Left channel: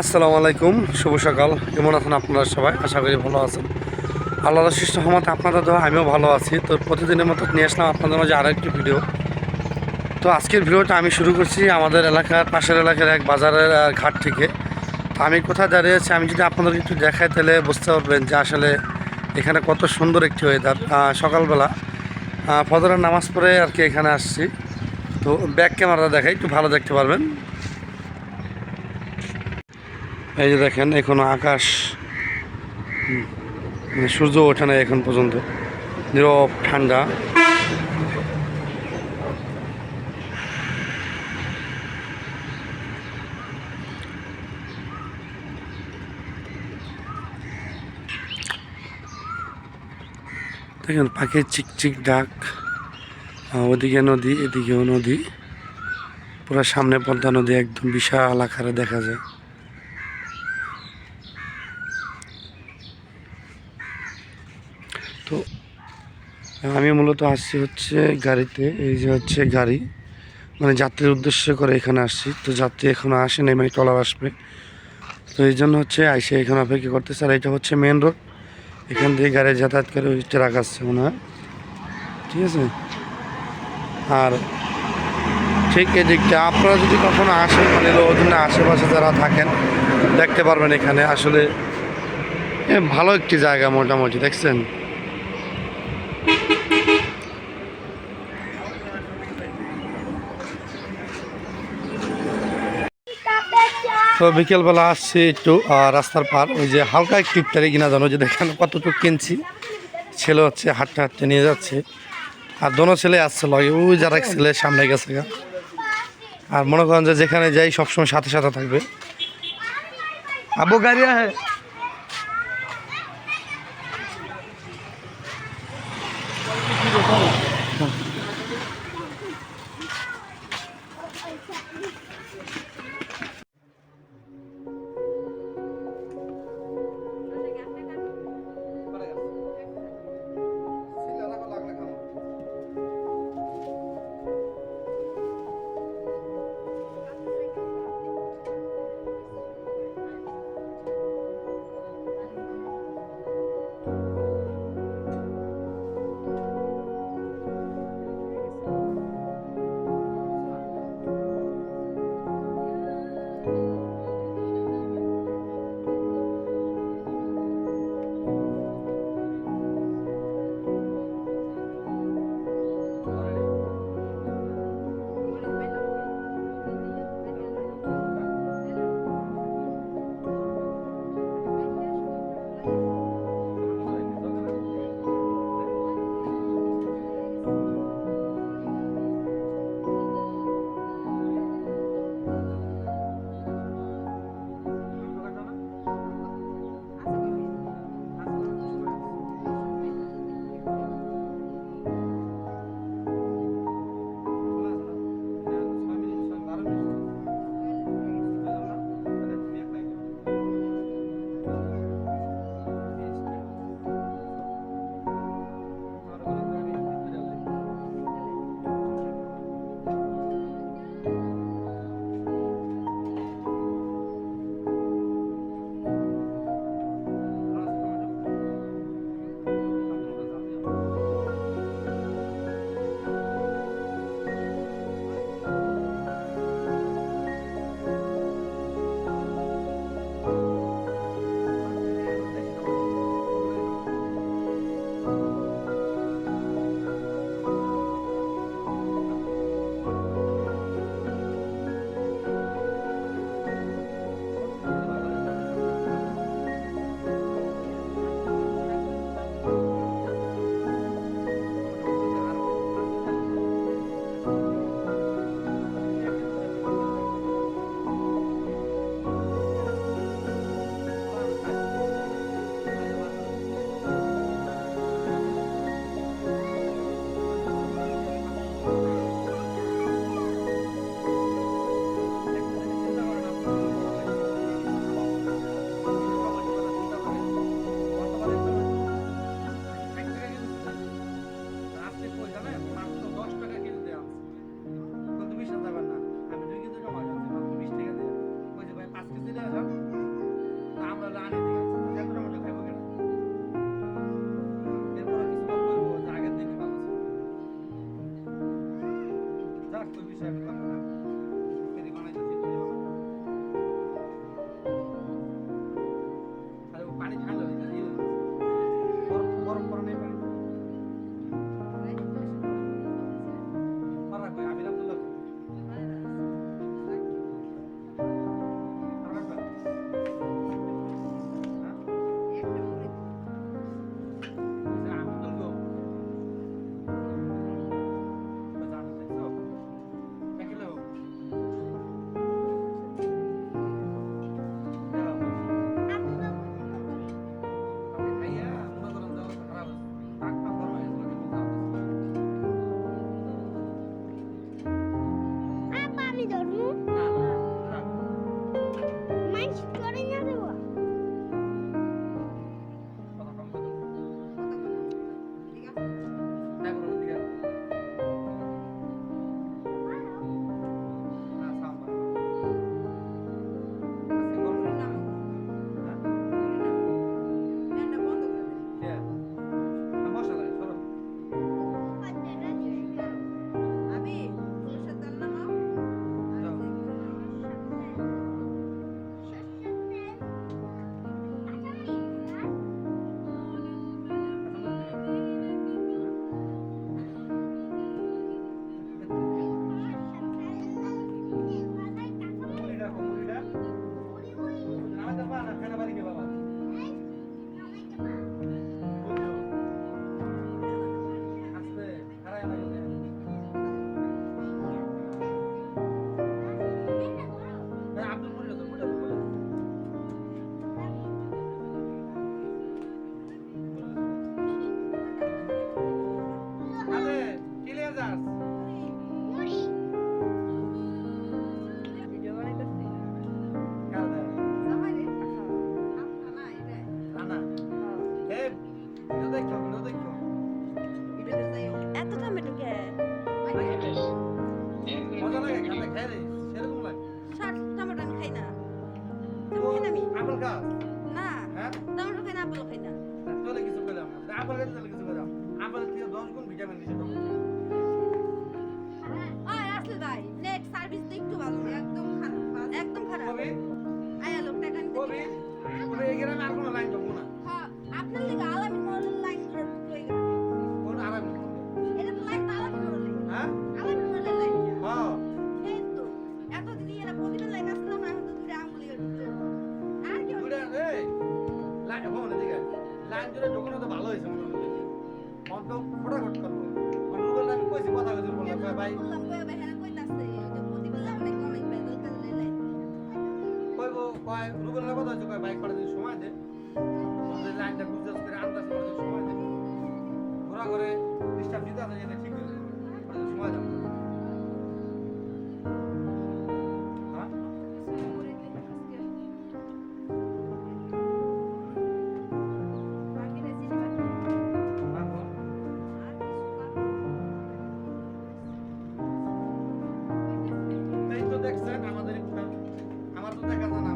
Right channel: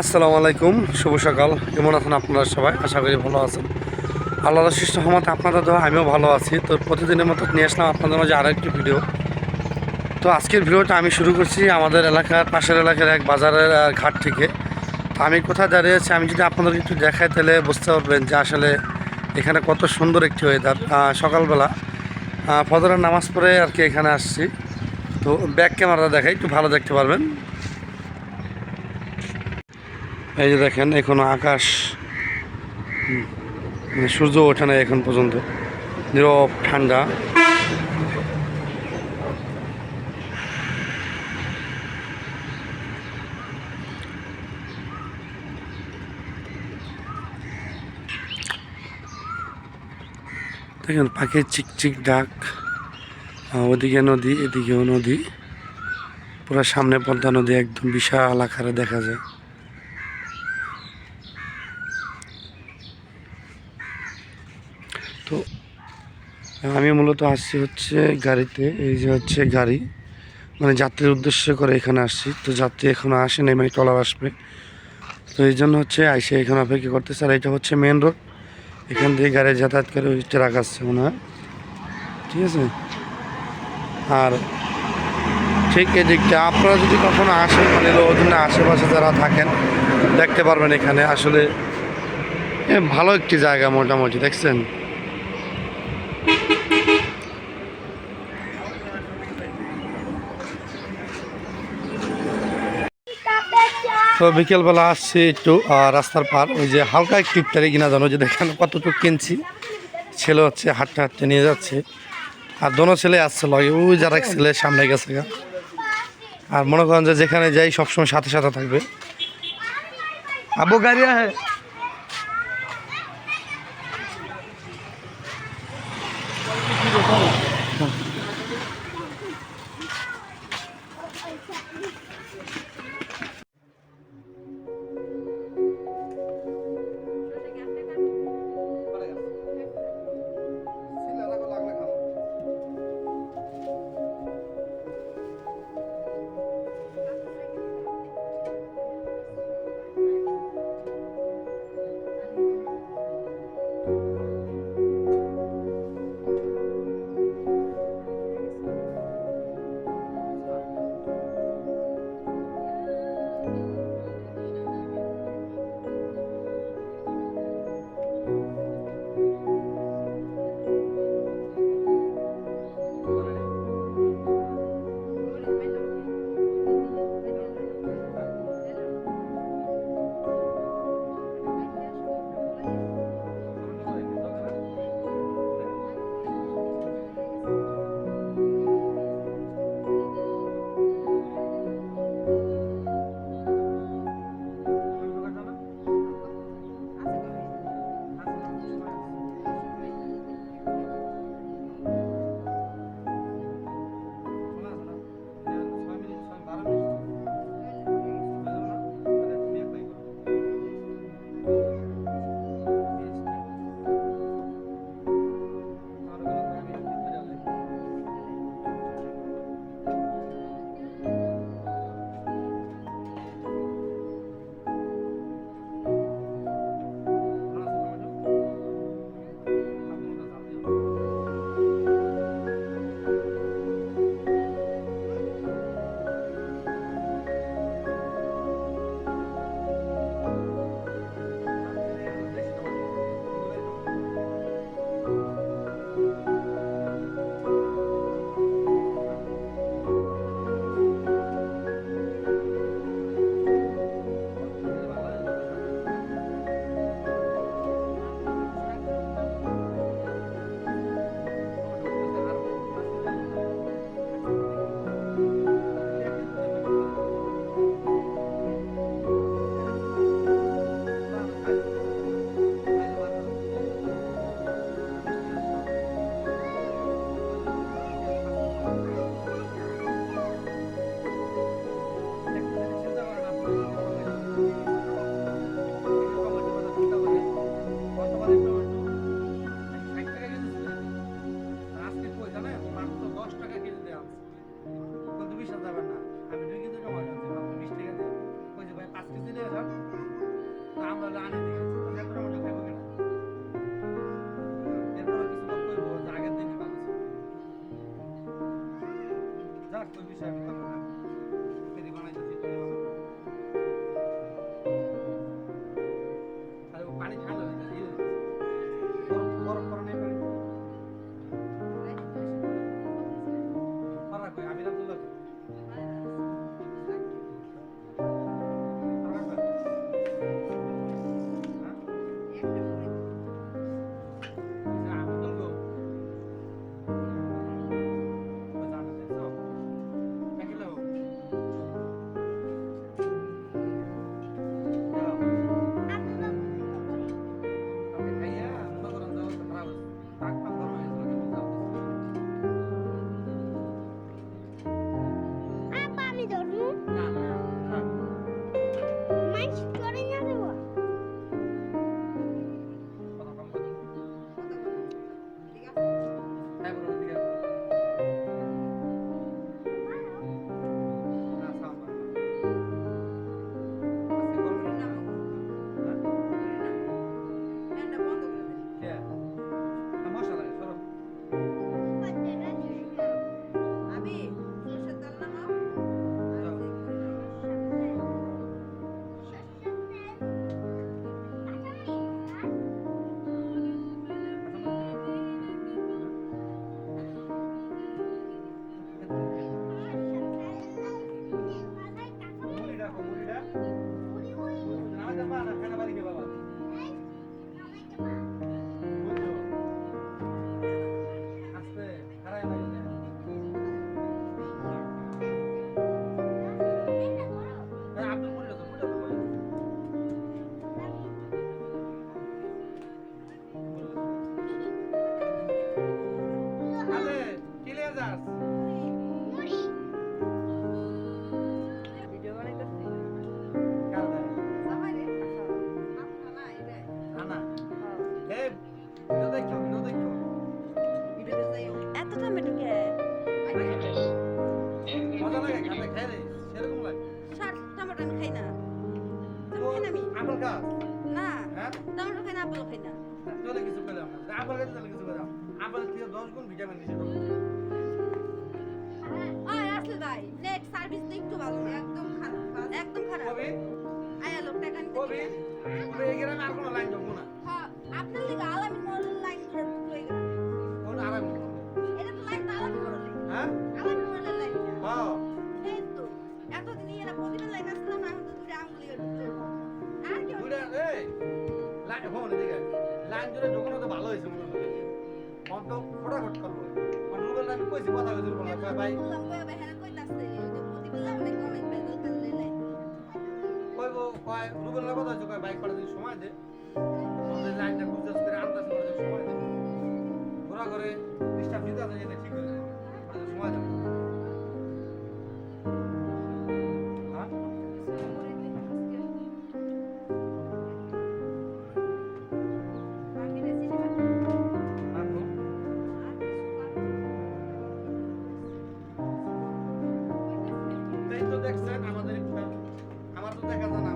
আসসালামু আলাইকুম, শুভ সকাল। কেমন আছেন আপনারা সবাই? আশা করি ভালো আছেন। আল্লাহ শিষ্ট সহমত আপনাদের দেওয়া আমিও ভালো আছি। তো প্রতিদিনের মতো নিয়ে আসলাম আপনাদের মাঝে আরেকটি ভিডিও। তো আজকের ভিডিওটা আমি শুরু করছি আমাদের এলাকার পাশের এলাকার এক বাজারের ঘাট থেকে। তো আমি কোথায় দাঁড়িয়ে আছি, আমি যদি আপনাদের একটু দেখাই, তাহলে বুঝতে পারবেন যে আসলে এখানে কত সুন্দর একটি ওয়েদার সকালবেলা ফজরের নামাজ পড়ে আর কি এখানে আসছি। তো ব্যাক ক্যামেরা দেখাই, একটু ভালো দেখতে পারবেন। এই যে দেখেন, এখনও আকাশ মানে সূর্য ওঠে না এখন পর্যন্ত। নীরব, ঠান্ডা। দেখেন, পাখির চিকচিক ডাক ওদিকে নদী, এদিকেও নদী। পুরো সামনে পদ্মা নদী, একদম বিশাল আকারে দেখা যায়। তো আমি মূলত আসছি হচ্ছে গাড়িতে, এই যে হচ্ছে গাড়ি। মানে যাত্রীর উদ্দেশ্য করে এখানে আসছি। তো যাত্রী এখনও আসে নাই মানে টলার আসবে। তো এই জন্য হচ্ছে আইসে এখানে অপেক্ষা করতেছে। আর এটা হচ্ছে মেন রোড এখান থেকে গাড়ি যাতায়াত করে ওই ট্রাক আসছে মনে হয়। ঠিক আছে? আর ঠিক এদিকটা আপনারা যদি কখনো আসেন মানে ওদিনে আশেপাশে যারা থাকেন, দেখতে পারবেন এখানে। আসলে ভালো একটি জায়গা মোটামুটি, দেখছেন? তো বিকেলবেলা আসছি একটু রাস্তার পার, ওই যে হালকা একটু ইফতারি কিনা জানো, যে দেখেন কতটুকু কিনছি। ছেলে হচ্ছে হাঁটতে হাঁটতে নিয়ে যাচ্ছে। আর দোনো ছেলে আসছে লগে, ওই যারা এক ছেলে, সামনে গেছে আর মনে করেন যে যেখানে যাই সবসময় সাথে সাথে থাকবে। আবু গাড়ি হ্যাঁ যাক ওই বিষয়ে আমি কথা না ফেরি বানাইতেছি ফেরি বানাই আরে ও পানি ঠান্ডা হয়ে গেছে বরফ বরফ পরে নেই পানি পারা কই আমির আব্দুল্লাহ কই? পারা হ্যাঁ, বাবা? লাগে টমেটো আমি খাই না। টমেটো খাই না আমি? আপেল গাছ না হ্যাঁ? টমেটো খাই না আপেল খাই না। চলে কিছু পেলাম না আপেল গাছে চলে কিছু পেলাম আপেল থেকে দশ গুণ ভিটামিন দিছে ওই আসলে ভাই নেট সার্ভিস তো একটু ভালো না একদম খারাপ একদম খারাপ। কবি? আয়া লোক টাকা নিতে কবি? কবি এই গ্রামে আর কোনো লাইন যাব না। হ্যাঁ আপনার লিগে আলামিন মোড়ের লাইন ধরে গেল কোন আরাম এটা তো লাইন আলামিন মোড়ের লাইন হ্যাঁ? আলামিন মোড়ের লাইন হ্যাঁ প্রতিদিন লাইন না তো দুটো আঙ্গুলি আর কি এই লাইন হো না লাইন জুড়ে ঢোকানো তো ভালো হয়েছে মনে অন্ত ফটাফট করব। মানে রুবেল আমি কইছি কথা কইছি বললাম কয় ভাই। বললাম কই ভাই হ্যাঁ কইতাছে। ওই যে প্রতিদিন অনেক বেদল কালে লাইন কইব কয় রুবেল কথা হচ্ছে কয় বাইক পাঠাতে সময় দে। আমাদের লাইনটা গুজরাস করে আন্দাজ করে সময় দে। ঘোরা করে ডিস্টার্ব দিতে আছে এটা ঠিক হয়ে যাবে। সময় দাও। দেখছেন আমাদের ইফতার আমার তো দেখা যায় না